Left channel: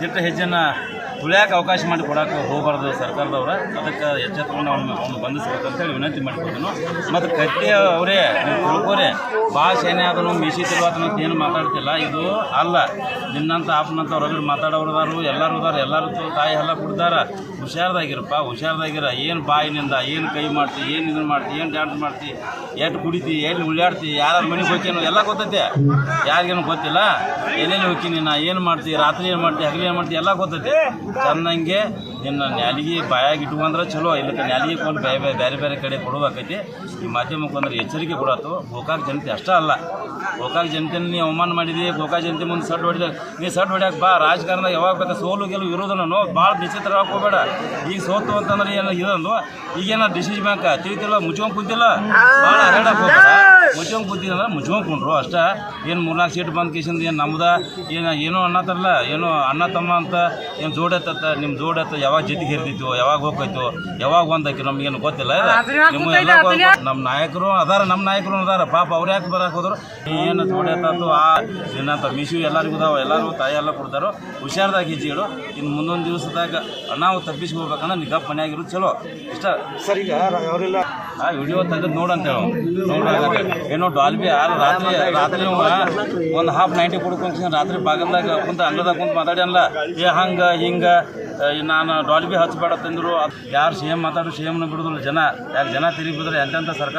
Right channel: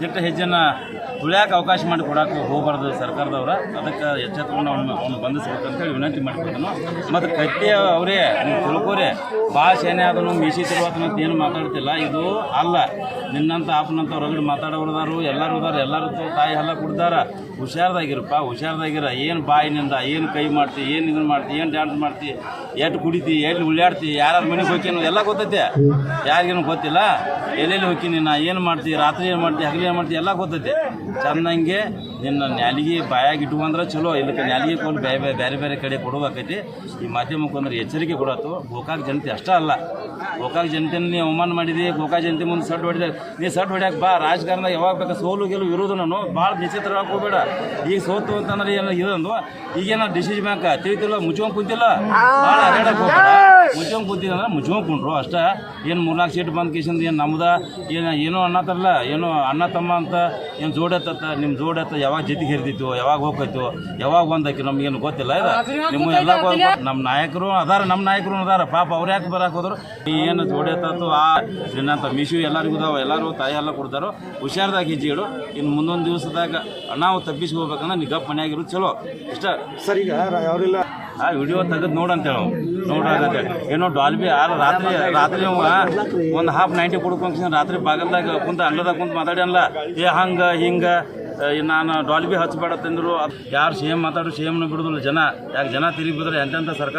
ದಿಟ್ಟ ಹೆಜ್ಜೆನ ತುಳಿಯಾಕೆ ಅವಕಾಶ ಮಾಡಿ ಕೊಡಕ್ಕೆ ಹೋಗಬಾರ್ದು ಸರ್ಕಾರದವ್ರ. ಅದಕ್ಕೆ ಎಚ್ಚೆತ್ಕೊಂಡು ಅವನು ಬಂಧಿಸ್ಬೇಕಂತೇಳಿ ವಿನಂತಿ ಮಾಡಿಕೊಡ್ತಾನು. ಮತ್ತು ಕತ್ತಿ ಅವರೇ ನೀವು ತಿಳ್ಕೋರಿ, ಭಾಳ ಸೇನೆ ಅದನ್ನು ಮೀಸಿ ತಿರುವಾತನಂತ ಏನು ಮಾತಾಡ್ತಿಲ್ಲ. ಇದು ಅಲ್ಲ, ನಿನ್ನಂತ ಆಪ್ನಂತ ರಗಡ್ ಮಾತಾಡೋರು ಎಲ್ಲರೂ ಎಲ್ಲರೂ ತಾಯಿ ಎಲ್ಲ ಕೊಡ್ತಾರ. ಹುಷಾರ್ದಾಗಿರಪ್ಪ, ಹುಷಾರ್ದಾಗಿರ. ಏನು ಬಾಯಿನಿಂದ ಏನು ಕೈ ಮಾಡ್ತಿ, ಏನು ಇದನ್ನು ಮಾಡ್ತಿ, ಏನು ಡ್ಯಾನ್ಸ್ ಮಾಡ್ತಿ, ಎಷ್ಟು ಕುಡಿತಿ, ಎಲ್ಲಿ ಉಳ್ಳಾಡ್ತಿ, ಯಾರು ಮನೆಗೆ ಹೋಗ್ತೀನೋ ಎಲ್ಲ ಗೊತ್ತೈತೆ. ಯಾರಿಗೇನು ಗೊತ್ತಿಲ್ಲ. ಎಲ್ಲೆಲ್ಲಿ ಹೋಗ್ತೀನಿ, ನಾ ಏನು ಮಾಡ್ತಿ, ರಾತ್ರಿ ಏನು ಮಾಡ್ತಿ, ಹಗಲಿ ಏನು ಮಾಡ್ತಿ ಎಲ್ಲ ಗೊತ್ತೈತೆ. ಚೆನ್ನಂಗೆ ನಿನ್ನ ನ್ಯಾಲಿಗೆ ಬಾಯಾಗಿ ಇಟ್ಕೊಂಡ್ರೆ ಚಲೋ. ಇಲ್ಲಕ್ಕೆ ನ್ಯಾಲಿಗೆ ಕೊಂಡು ಬೇರೆ ಬೇರೆ ಕಡೆ ಕೊಡೋದಾಕೈತಿ. ಈ ಮಾಧ್ಯಮಕ್ಕೆ ಅಂದ್ರೆ ಎಚ್ಚರಿಕೆ ಕೊಡತ್ತು. ಗೋಕಾಕ್ ಜನತೆ ಅಷ್ಟೇ ಅಲ್ಲ, ಗೋಕಾಕ್ ಜನತೆನ ನೀವು ಅವಮಾನ ಮಾಡಿದಿ. ಗೋಕಾಕ್ ಜನತೆ ಮುಂದೆ ಸಡ್ಡು ಹೊಡಿದ, ನೀ ಸಡ್ಡು ಹೊಡ್ಯಾಕೆ ಬಾ. ರಾಜಕಾರಣದಾಗ ಯಾವಾಗ ಬೇಕಾ ಸೋಲು ಗೆಲುವು ಇರೋದು. ನಾನು ಭಾಳ ವಿಚಿತ್ರವಾಗಿ ಹೋಗಬೇಡ. ಈಗ ಸೋತು ಅಂತಂದ್ರೆ ಏನು ಇದೊಂದು ಈಗೇನ ಡಿಸಿಷನ್ ಬ್ಯಾಂಕ್ ತಿಳಿತಿಲ್ಲ, ಮುಚ್ಕೊಂಡು ಕುಂತಿಲ್ಲ. ಭಾಳ ಹರಡಕ್ಕೆ ಹೋಗಬೇಡ. ಮುಚ್ಕೊಂಡು ಕುಂತಿದ್ರೆ ಮುಚ್ಕೊಂಡು ಕುಂಡ್ರು ಅಷ್ಟೇ. ಏನು 3-4 ಸೀಟ್ ಬಂದು ಕೇಸಿಂದ ಏನು ನಮ್ದ ಏನೋ ಅನ್ನತ್ತಾರಲ್ಲ, ಏನೋ ಅಣ್ಣ ತಮ್ಮ ಅಂತ ಏನು ಜೋಡೆತ್ತ, ನಿಮ್ಮ ಜೋಡೆತ್ತ ಯಾವಾಗ ಜೊತೆಗೆ ಹಿರಿದಿತ್ತು, ಯಾವಾಗ ಹೋಗ್ತೈತು, ಯಾವಾಗ ಬಂದಾಕಿ ನಮಗೇನು ಗೊತ್ತಿಲ್ಲ. ನಿಮ್ಮ ಎಲ್ಲ ನಮ್ಮ ನಾಯಕರು ಅದಾರ ಪಾಪ. ಅವ್ರು ಯಾಕೆ ಬರಕ್ಕೆ ಹೋದ್ರು? ಏನು ಜೋಡೆತ್ತು ಆ ನಿನ್ನಂಥ ಮಿಶು ಎಲ್ಲರಿಗೂ ಇದಾವೆ. ಎಲ್ಲರೂ ತಾಯಿ ಎಲ್ಲ ಕೊಡ್ತಾರೋ. ಹುಷಾರ್ದಾಗ ಹೆಜ್ಜೆಗಳು. ಇನ್ನು ಮುಂದೊಂದು ದಿವಸದಾಗ ನಾವು ತಪ್ಪಿಸಿ ಹೋಗ್ಬೇಕಂದ್ರೆ ನಿಗಾ ಮನೆಯಾಗಿರೋದು ಚಲೋ. ಇಷ್ಟ ಸರ್. ಈಗ ಅವರೆಲ್ಲ ಆ ವಿಡಿಯೋ ತೆಗೆದು ನೋಡಂತೇಳು. ನೋಡಾಗತ್ತೆ ಏನೋ ಡಾಲ್ಬಿ ರಾತ್ರಿ ಒಂದು ಹಾಫ್ 90 ಕೊಡ್ಕೊಂಡು ರಾತ್ರಿ ಬಾಗಲ್ದಾಗ ಕುಂತ ಅಂಗಳದಾಗ ಕುಂತ ಮಾತಾಡಿ ಅಲ್ಲ, ಹಿಂಗೆ ನಾನು ಡಾಲ್ಬಿ ಹಚ್ಚಬೇಡ ತಂದರು. ಯಾರು ಸಿ ಎಮ್ ಮಾತಾಡೋ ಸಿ ಎಮ್ನ ಬಿಡೋದಿಲ್ಲ ಜನ. ಯಾಕೆ ಜನ ತಿರುಗಿ ಬಿದ್ರೆ ಎಂತೆಂಥ ಸರ್ಕಾರ